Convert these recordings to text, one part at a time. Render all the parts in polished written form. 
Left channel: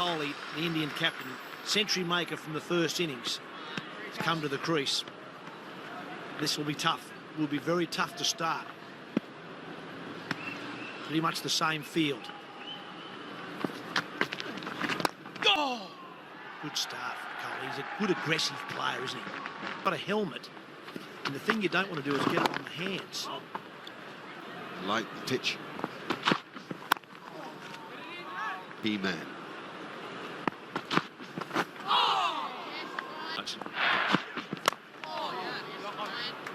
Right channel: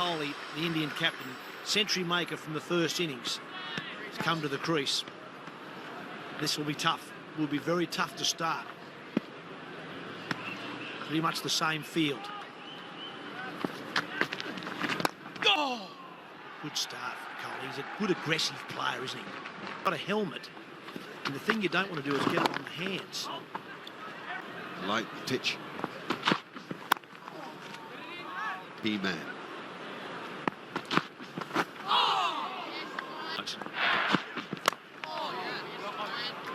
Kohli, the Indian captain, century maker from the first innings, has come to the crease. This will be tough. Will be very tough to start. Pretty much the same field. Oh! Good start for Kohli. He's a good aggressive player, isn't he? Got a helmet. And the thing you don't want to do is get it on the hands. Light pitch. B-man.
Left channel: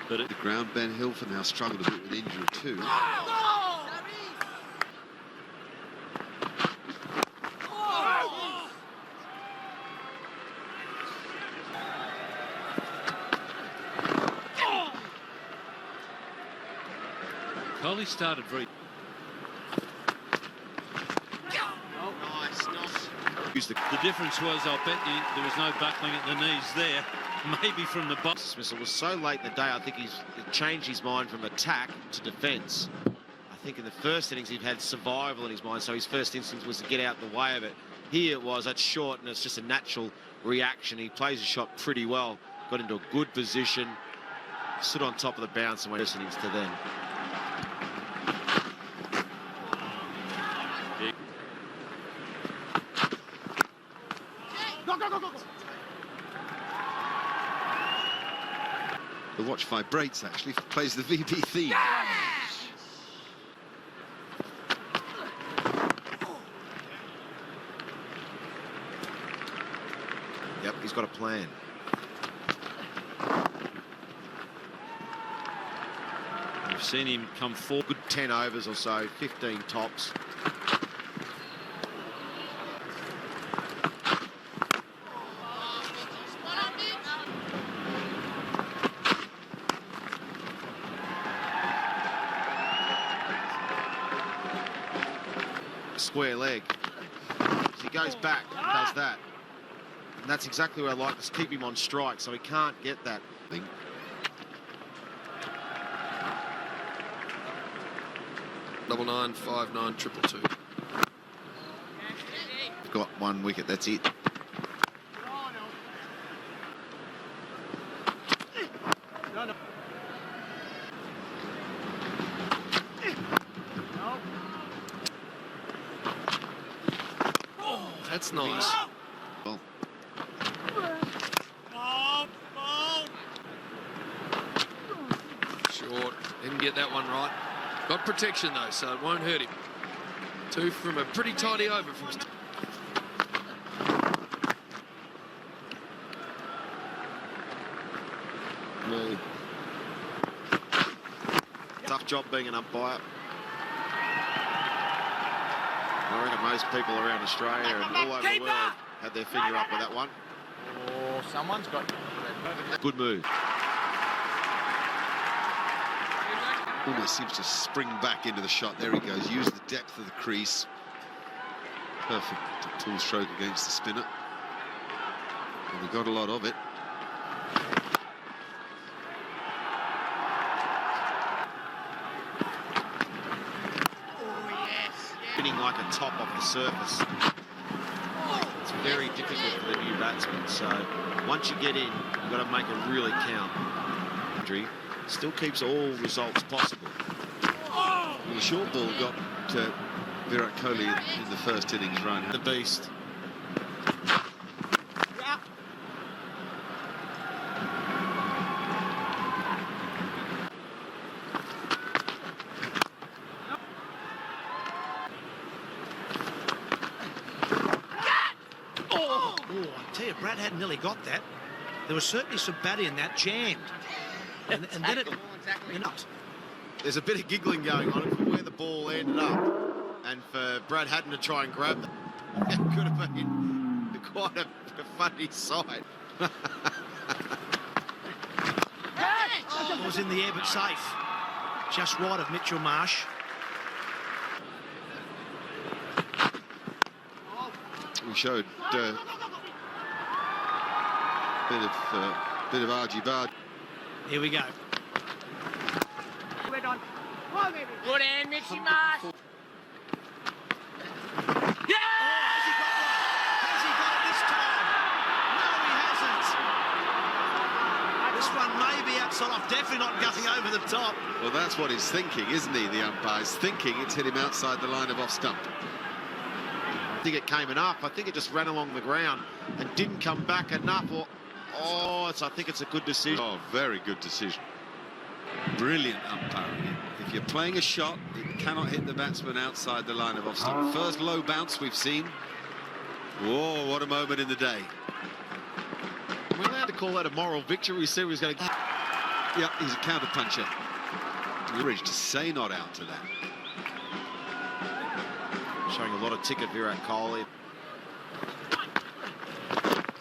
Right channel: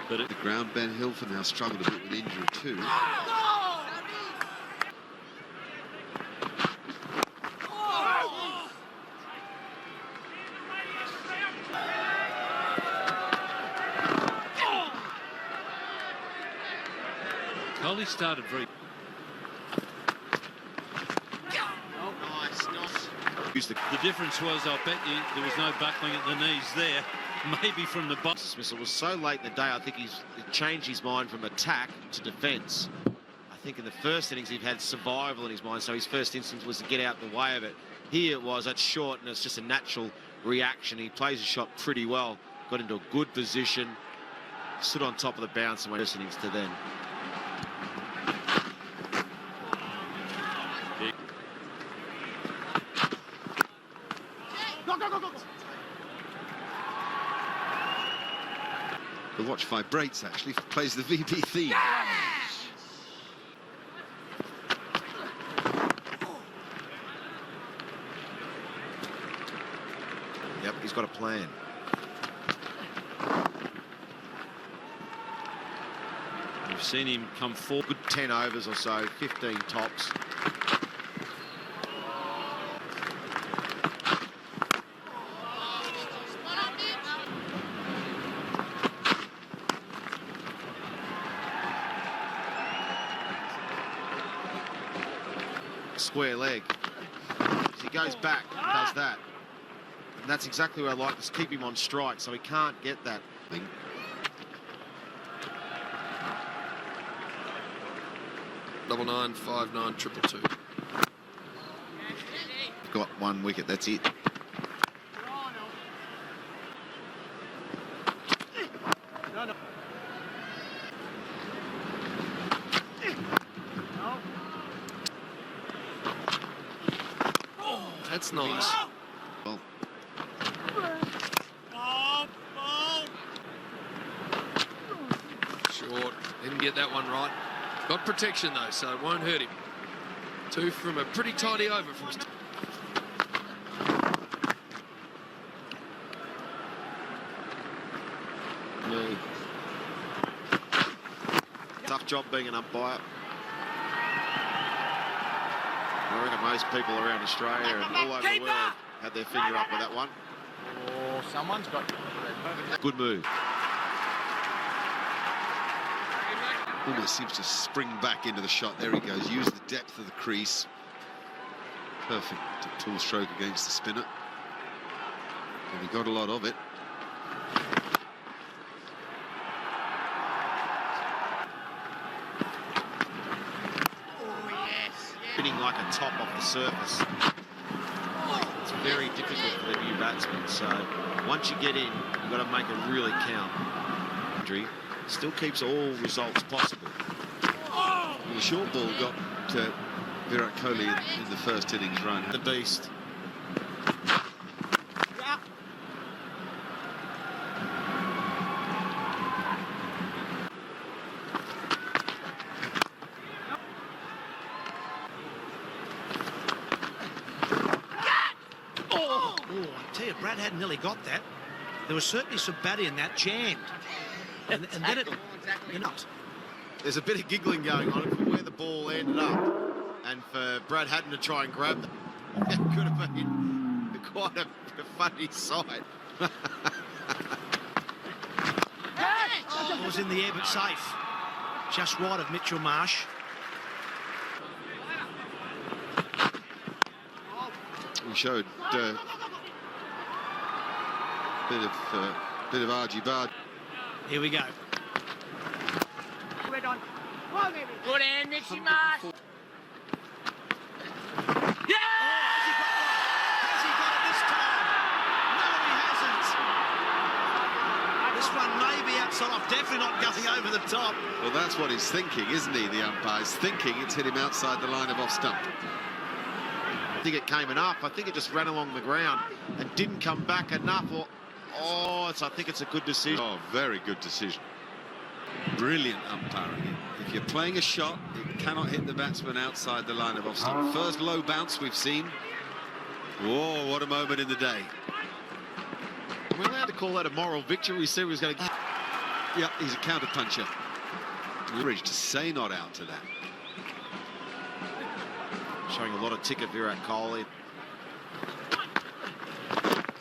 But at the ground, Ben Hilfer now struggled a bit with injury too. Kohli started very... The difference was, I'll bet you, there was no buckling at the knees there. Maybe from the box. Dismissal was so late in the day, I think he's changed his mind from attack to defence. I think in the first innings he'd had survival in his mind, so his first instinct was to get out the way of it. Here it was, that's short, and it's just a natural reaction. He plays the shot pretty well, got into a good position, stood on top of the bounce, and went first innings to them. The watch vibrates, actually, plays the VB theme. Yep, he's got a plan. We've seen him come forward. Good 10 overs or so, 15 tops. Square leg. He goes back and does that. And that's exactly what I like, is keep him on strike so he can't get that thing. Double 9, 5, 9, 222. Got one wicket, that's it. That's nice. Well, Short. Didn't get that one right. Got protection though, so it won't hurt him. Two from a pretty tidy over from... no. Tough job being an umpire. I reckon most people around Australia and all over the world had their finger up with that one. Oh, someone's got... Good move. Almost seems to spring back into the shot. There he goes. Use the depth of the crease. Perfect pull stroke against the spinner. And he got a lot of it. Hitting like a top off the surface. It's very difficult for the new batsman. So once you get in, you've got to make it really count. Injury still keeps all results possible. The short ball got Virat Kohli in the first innings run. The beast. Oh, I tell you, Brad hadn't nearly got that. There was certainly some batty in that, jammed. And then it, you know. There's a bit of giggling going on for where the ball ended up. And for Brad Hatton to try and grab them. That could have been quite a funny sight. It was in the air, but safe. Just right of Mitchell Marsh. He showed a bit of argy-bargy. Here we go. Good hand, Mitchy Marsh. Yeah! one maybe outside off, definitely not going over the top. Well, that's what he's thinking, isn't he? The umpire's thinking it's hit him outside the line of off stump. I think it came enough. I think it just ran along the ground and didn't come back enough. I think it's a good decision. Oh, very good decision. Brilliant umpiring. If you're playing a shot, it cannot hit the batsman outside the line of off stump. First low bounce we've seen. Whoa, what a moment in the day. We're allowed to call that a moral victory. We said he was going to... Yeah, he's a counter puncher. Courage to say not out to that. Showing a lot of ticket Virat Kohli.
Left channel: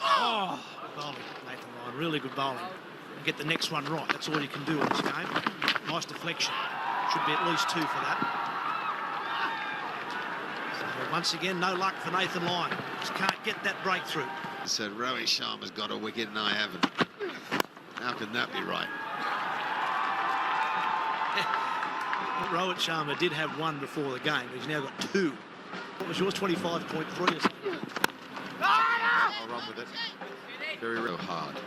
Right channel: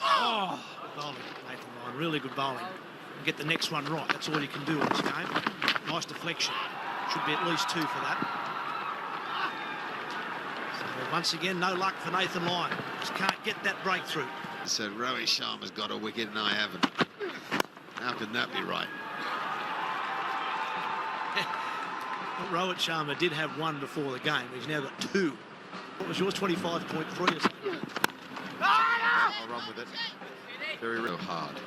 Oh, bowling, Nathan Lyon, really good bowling. And get the next one right. That's all you can do in this game. Nice deflection. Should be at least 2 for that. So once again, no luck for Nathan Lyon. Just can't get that breakthrough. So Rohit Sharma's got a wicket and I haven't. How can that be right? Rohit Sharma did have 1 before the game. He's now got 2. What was yours? 25.3. I'll run with it. Very real hard.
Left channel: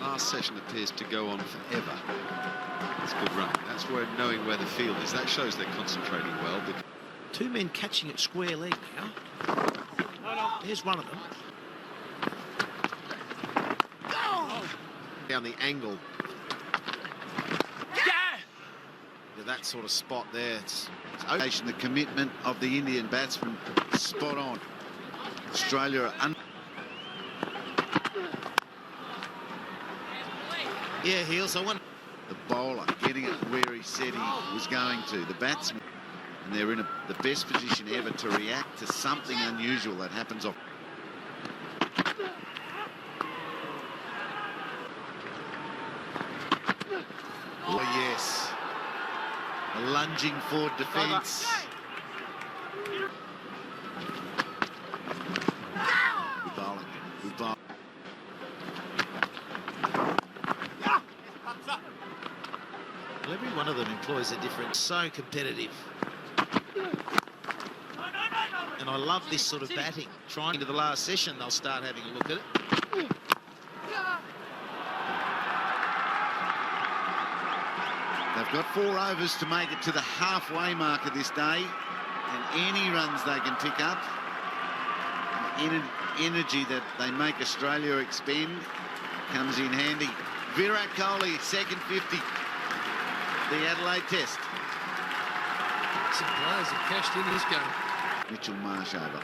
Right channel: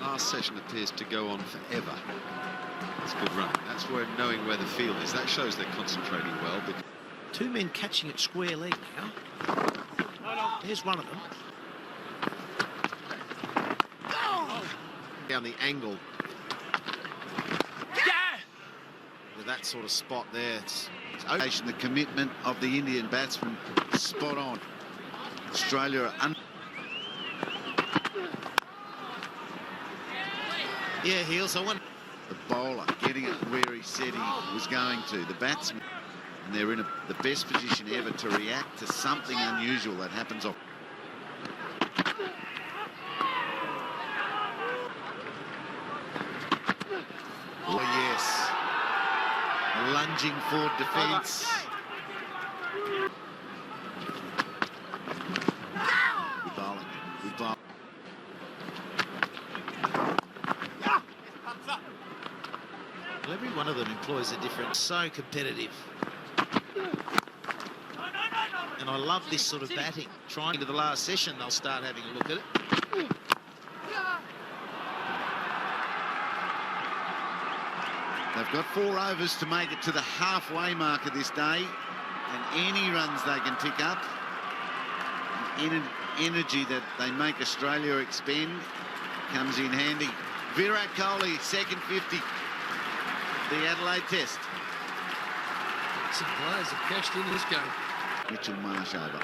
Last session appears to go on forever. That's a good run. That's where knowing where the field is. That shows they're concentrating well. But 2 men catching it square leg now. Here's one of them. Down the angle. With that sort of spot there, it's The commitment of the Indian batsman, spot on. Australia are Yeah, Heels. I want the bowler getting it where he said he was going to. The batsman, and they're in the best position ever to react to something unusual that happens off. Oh yes, a lunging forward defence. Good bowling. Good bowling. every one of them employs a different, so competitive. And I love this sort of batting. Trying into the last session, they'll start having a look at it. They've got 4 overs to make it to the halfway mark of this day, and any runs they can pick up, any energy that they make Australia expend, comes in handy. Virat Kohli, second 50, the Adelaide Test. Some players have cashed in this game. Mitchell Marsh over.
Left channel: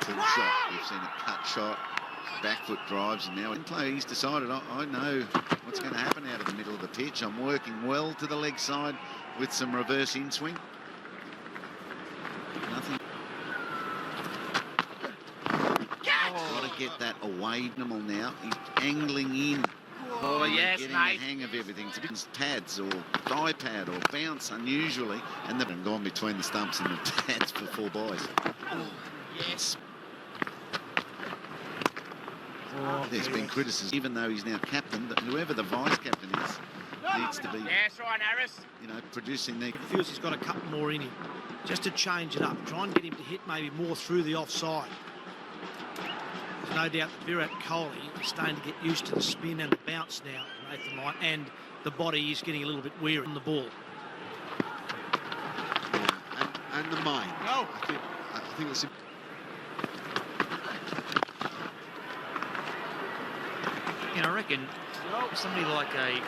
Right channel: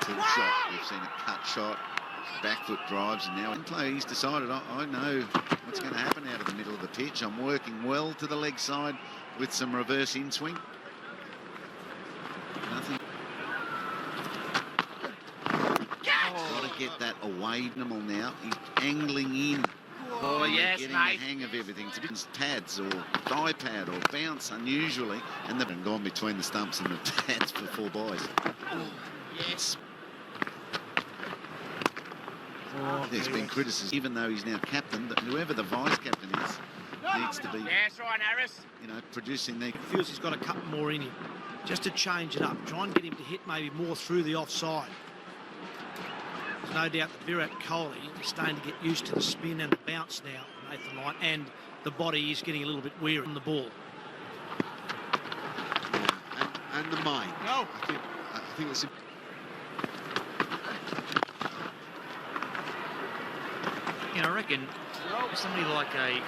Full shot, we've seen a cut shot, back foot drives, and now he's decided, I know what's going to happen out of the middle of the pitch. I'm working well to the leg side with some reverse in swing. Nothing. Got to get that away from him now. He's angling in. Oh, yes, getting mate. the hang of everything. It's a bit pads or thigh pad or bounce unusually, and they've gone between the stumps and the pads for 4 boys. Yes. There's been criticism, even though he's now captain, that whoever the vice captain is needs to be, That's right, Harris. producing the. Feels he's got a couple more in him, just to change it up. Try and get him to hit maybe more through the offside. There's no doubt that Virat Kohli is starting to get used to the spin and the bounce now, Nathan Lyon, and the body is getting a little bit weary on the ball. and the mind. No. I think it's a... Yeah, I reckon somebody like a...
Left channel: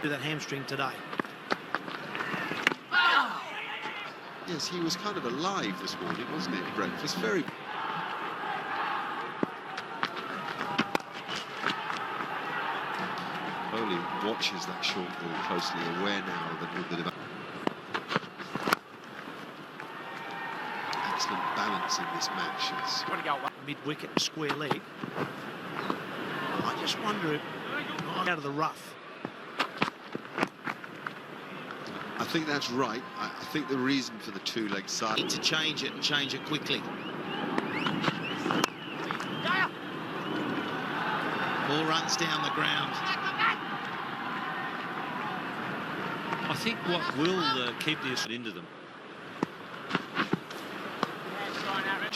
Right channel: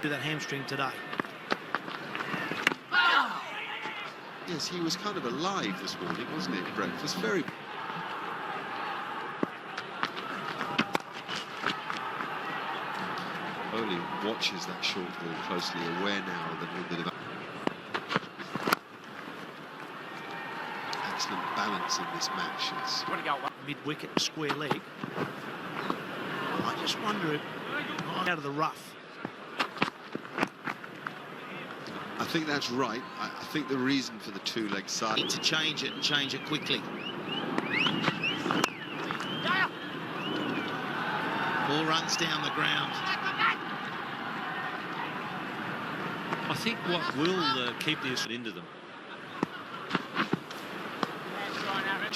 With that hamstring today. Yes, he was kind of alive this morning, wasn't he, at breakfast? Very... Kohli watches that short ball closely, aware now of a little bit of excellent balance in this match. It's... Mid-wicket, square leg. I just wonder if out of the rough. I think that's right. I think the reason for the 2-leg side... Need to change it and change it quickly. Ball runs down the ground. I think what will keep this into them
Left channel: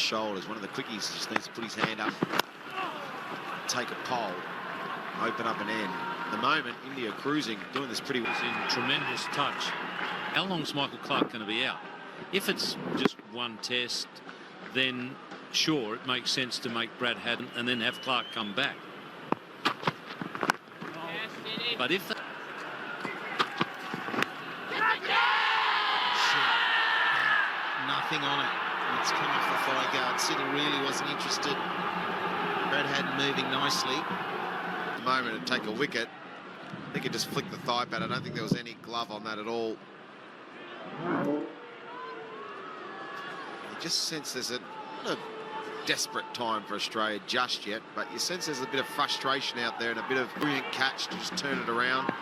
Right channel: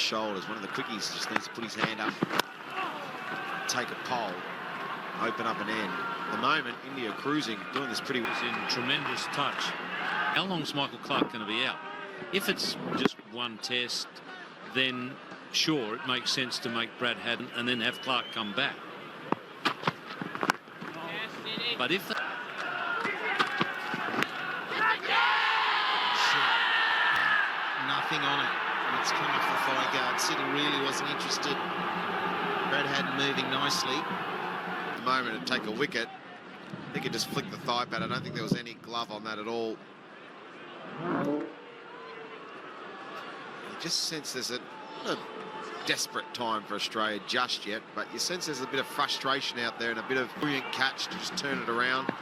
shoulders. One of the quickies just needs to put his hand up, take a pole, open up an end. At the moment, India cruising, doing this pretty well. In tremendous touch. How long's Michael Clark going to be out? If it's just one test, then sure, it makes sense to make Brad Haddon and then have Clark come back. But if Nothing on it. And it's come off the thigh guard. Siddle really wasn't interested. Brad Haddon moving nicely. At the moment, it'd take a wicket. He could just flick the thigh pad. I don't think there was any glove on that at all. I just sense there's not a desperate time for Australia just yet, but you sense there's a bit of frustration out there and a bit of brilliant catch to just turn it around.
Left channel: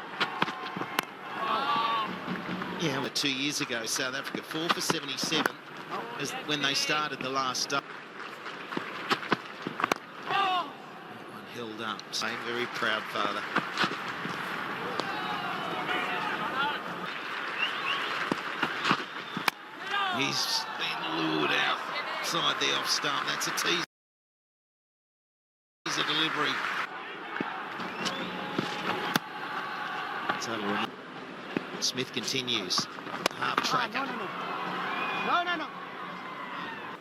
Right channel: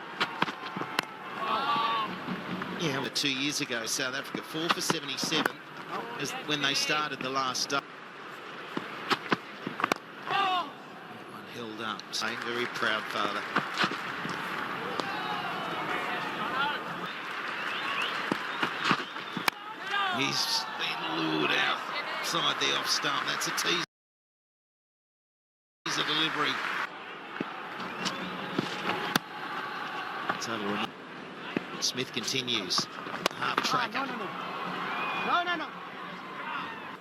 Yeah, well, 2 years ago, South Africa 4 for 77 is when they started the last day. Held up, saying very proud father. He's been lured outside the off stump. That's a teaser delivery. Smith continues. Half track. No.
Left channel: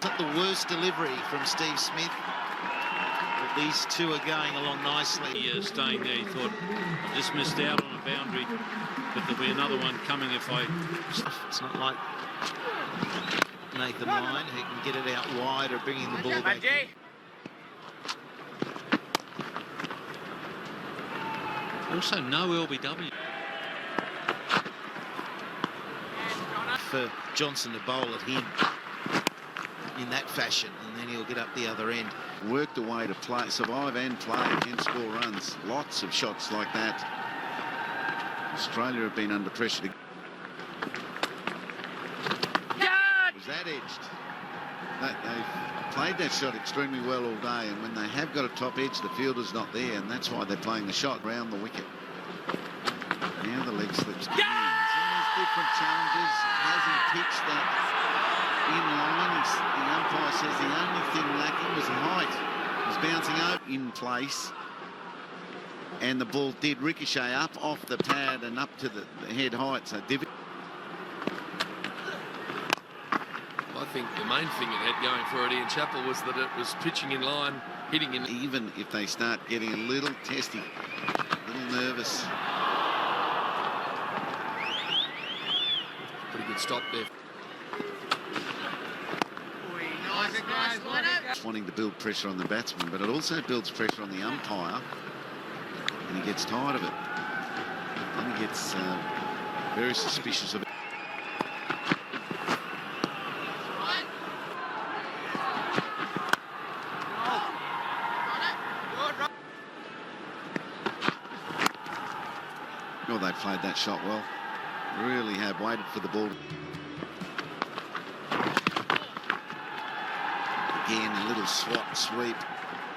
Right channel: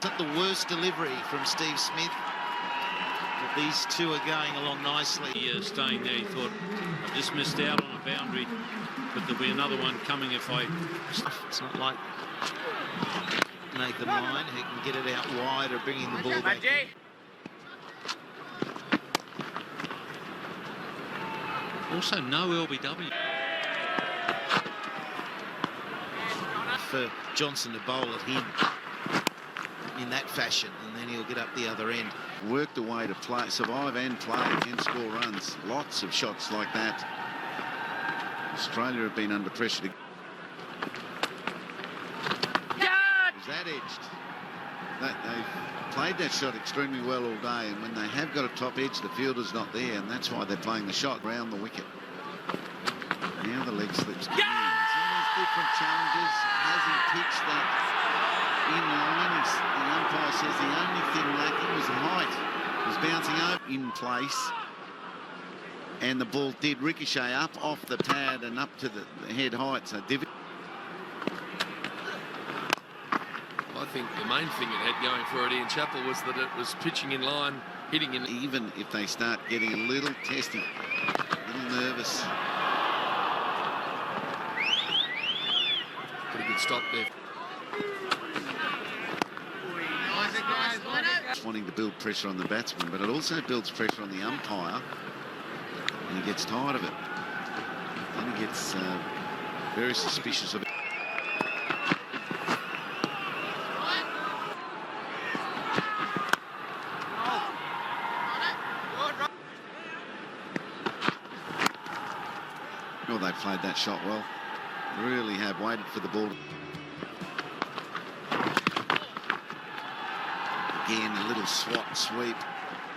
Not the worst delivery from Steve Smith. But these two are going along nicely. staying there, he thought, I just missed out on a boundary, but there'll be another one coming if I... It's not like Nathan Lyon, who can get it out wide or bringing the ball back. Also, no LBW. For Johnson to bowl at him in that fashion, and then he'll get up the other end. Worked a way to play, survive and play and score runs. Lots of shots like that. Australia have been under pressure to... Was that edged? They've played that shot extremely well all day, and when they have got a top edge, the fielder's not there, and that's why they're playing the shot around the wicket. Now the leg slips. So there's different challenges. Has he pitched that in line? The umpire says the only thing lacking was height. He was bouncing over in place, and the ball did ricochet up off the pad and up to the head height. So I think the main thing it had going for it, Ian Chappell, was that it was pitching in line, hitting in. Even if they start getting a little testy, a little nervous. Pretty good stop there. Wanting to build pressure on the batsman, but it also builds pressure on the umpire, and he gets tired of it. And he gets very suspicious of it. Well, they played that shot well. Really have waited for the ball. Again, a little swat sweep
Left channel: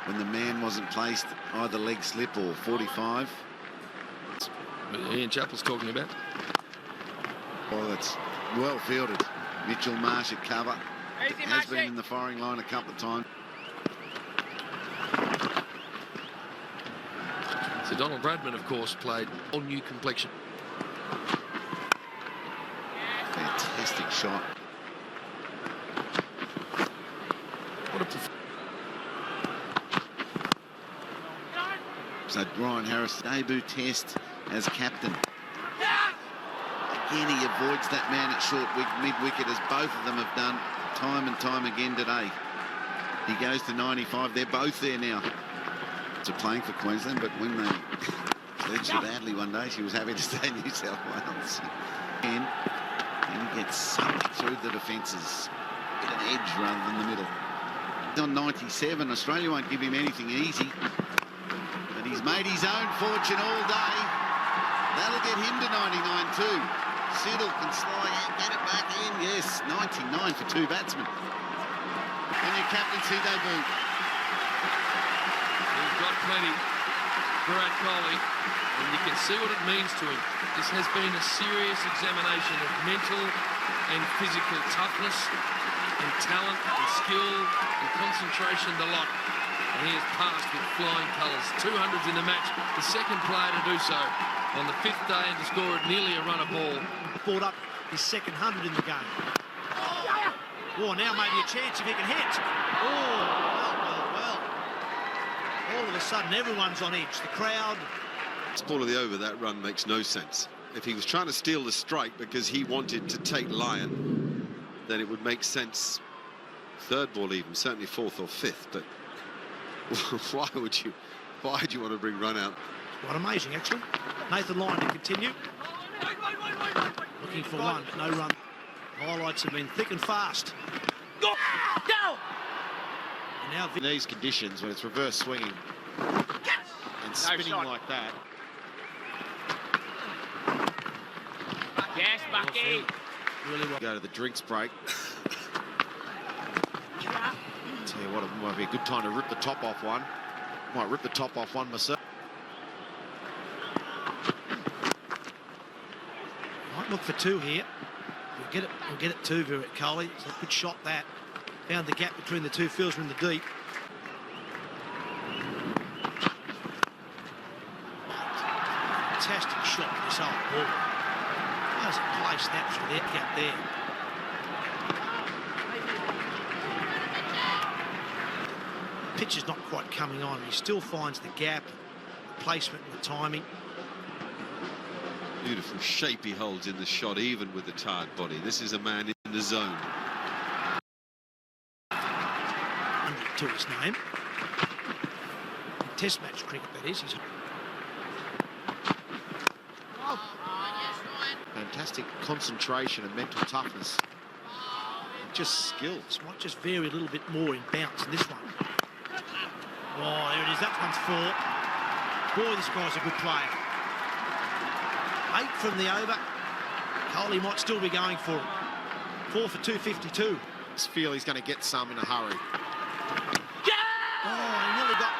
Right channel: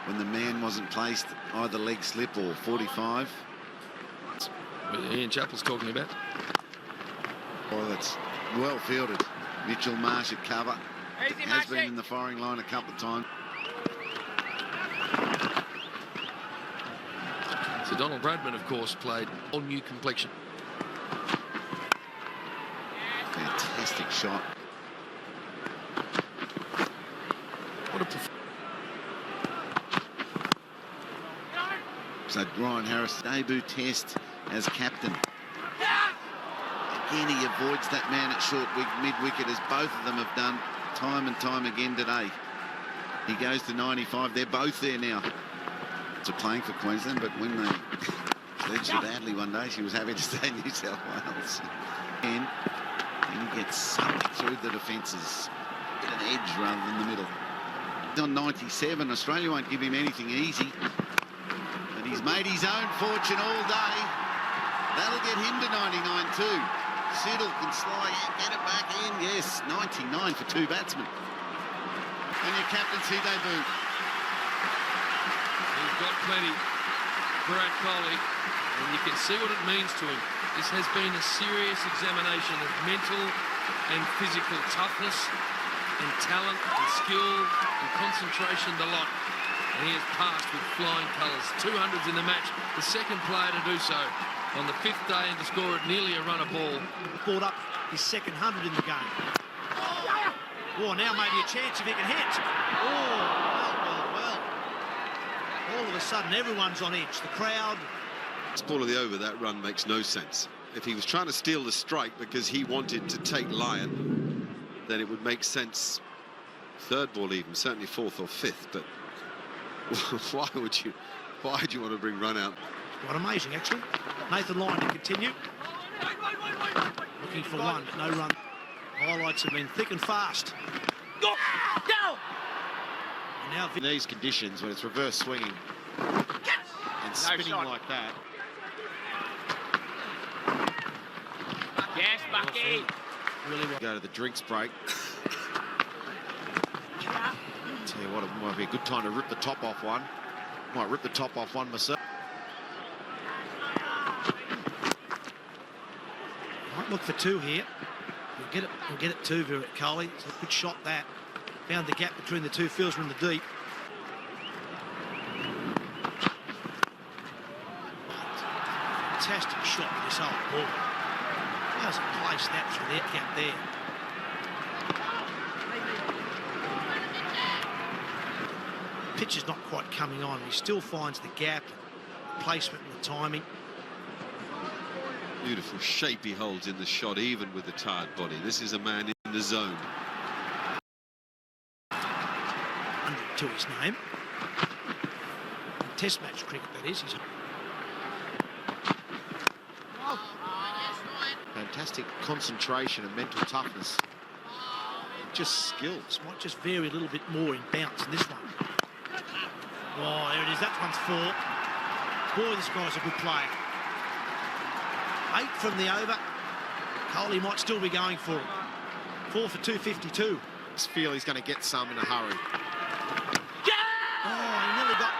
when the man wasn't placed, either leg slip or 45. Ian Chappell's talking about. Well, that's well fielded. Mitchell Marsh at cover. Has been in the firing line a couple of times. So Donald Bradman, of course, played all new complexion. Fantastic shot. What a So Ryan Harris, debut test as captain. Again, he avoids that man at short mid-wicket, as both of them have done time and time again today. He goes to 95. They're both there now. To playing for Queensland, but when they pledged it badly one day, she was happy to stay in New South Wales. And he gets sucked through the defences. An edge rather than the middle. He's on 97. Australia won't give him anything easy. But he's made his own fortune all day. That'll get him to 99 too. Siddle can slide out, get it back in. Yes, 99 for two batsmen. And your captaincy debut. He's got plenty, Virat Kohli, and you can see what it means to him. This has been a serious examination of mental and physical toughness and talent and skill and concentration, the lot. And he has passed with flying colours. 200s in the match, the second player to do so on the 5th day and to score it nearly a run a ball. Brought up his second 100 in the game. Oh, now maybe a chance if he can hit. Well. All of a sudden, everyone's on edge. The crowd. Ball of the over, that run makes no sense. If he was trying to steal the strike because he wanted to take Lyon, then it would make sense. Third ball even, certainly 4th or 5th, but why would you want to bring run out? Quite amazing, actually. Nathan Lyon to continue. Looking for one, but no run. Highlights have been thick and fast. Go! And now In these conditions, when it's reverse swinging and spinning like that. Yes, Bucky. really well. Go to the drinks break. Tell you what, it might be a good time to rip the top off one. Might rip the top off one myself. Might look for two here. We'll get it two, Virat Kohli. It's a good shot that. Found the gap between the two fields in the deep. Fantastic shot, this old ball. How's it placed that through that gap there? Pitch is not quite coming on. He still finds the gap, the placement and the timing. Beautiful shape he holds in the shot, even with the tired body. This is a man in the zone. 100 to his name. Test match cricket, that is. Fantastic concentration and mental toughness. Just skills. Might just vary a little bit more in bounce in this one. Oh, there it is. That one's 4. Boy, this guy's a good player. 8 from the over. Kohli might still be going for it. 4 for 252. I feel he's going to get some in a hurry. Oh, he nearly got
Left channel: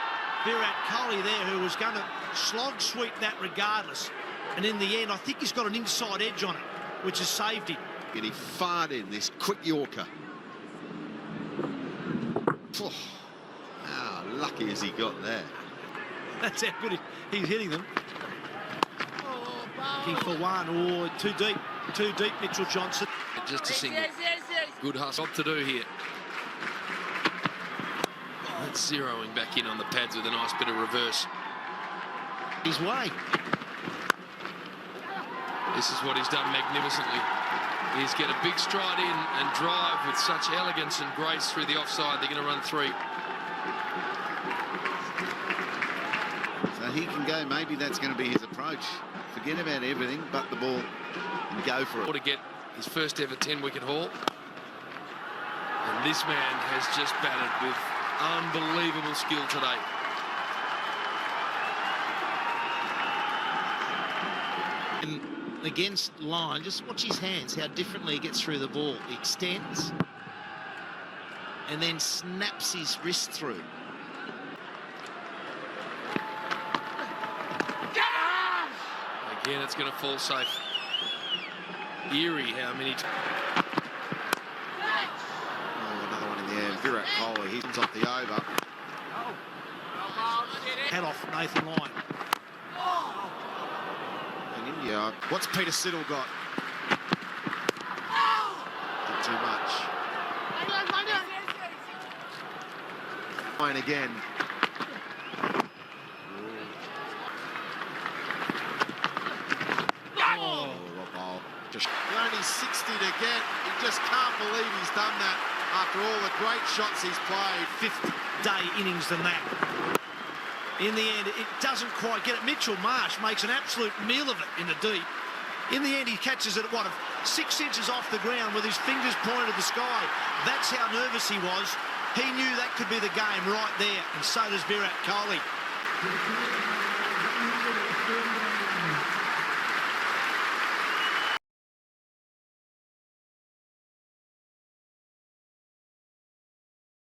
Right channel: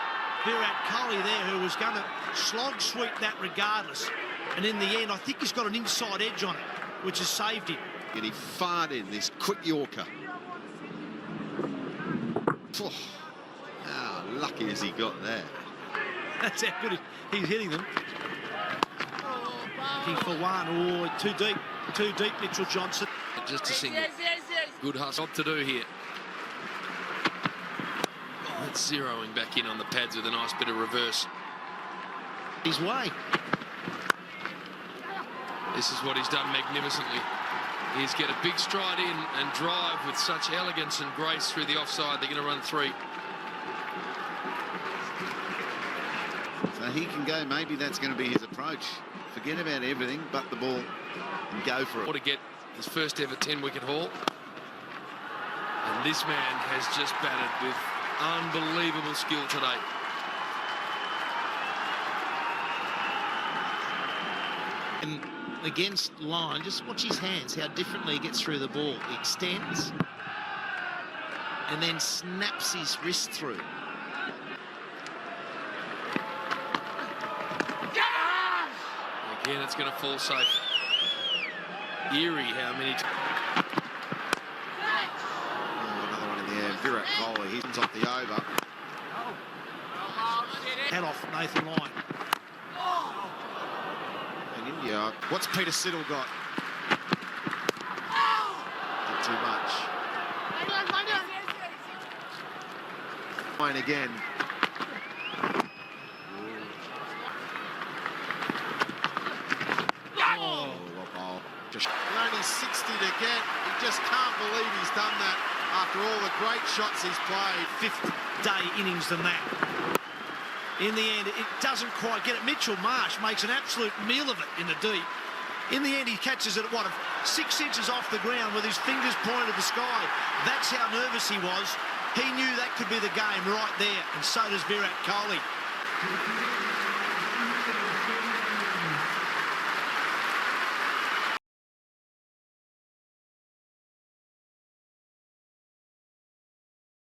Virat Kohli there, who was going to slog sweep that regardless. And in the end, I think he's got an inside edge on it, which has saved him. And he fired in this quick Yorker. Oh, lucky as he got there. That's how good he's hitting them. Looking for one. Oh, too deep, Mitchell Johnson. Just a single. Good hustle to do here. It's zeroing back in on the pads with a nice bit of reverse. His way. This is what he's done magnificently. He's get a big stride in and drive with such elegance and grace through the offside. They're going to run 3. So he can go, maybe that's going to be his approach. Forget about everything but the ball and go for it. To get his first ever 10-wicket haul. And this man has just batted with unbelievable skill today. And against line, just watch his hands, how differently he gets through the ball. He extends and then snaps his wrist through. Again, it's going to fall safe. Eerie how many... Another one in there. Virat Kohli, he's off the over. Head off Nathan Lyon. In India, what's Peter Siddle got? Not too much. Lyon again. Only 60 to get. He just can't believe he's done that after all the great shots he's played. 5th day innings than that. In the end, it doesn't quite get it. Mitchell Marsh makes an absolute meal of it in the deep. In the end, he catches it at 6 inches off the ground with his fingers pointed at the sky. That's how nervous he was. He knew that could be the game right there, and so does Virat Kohli.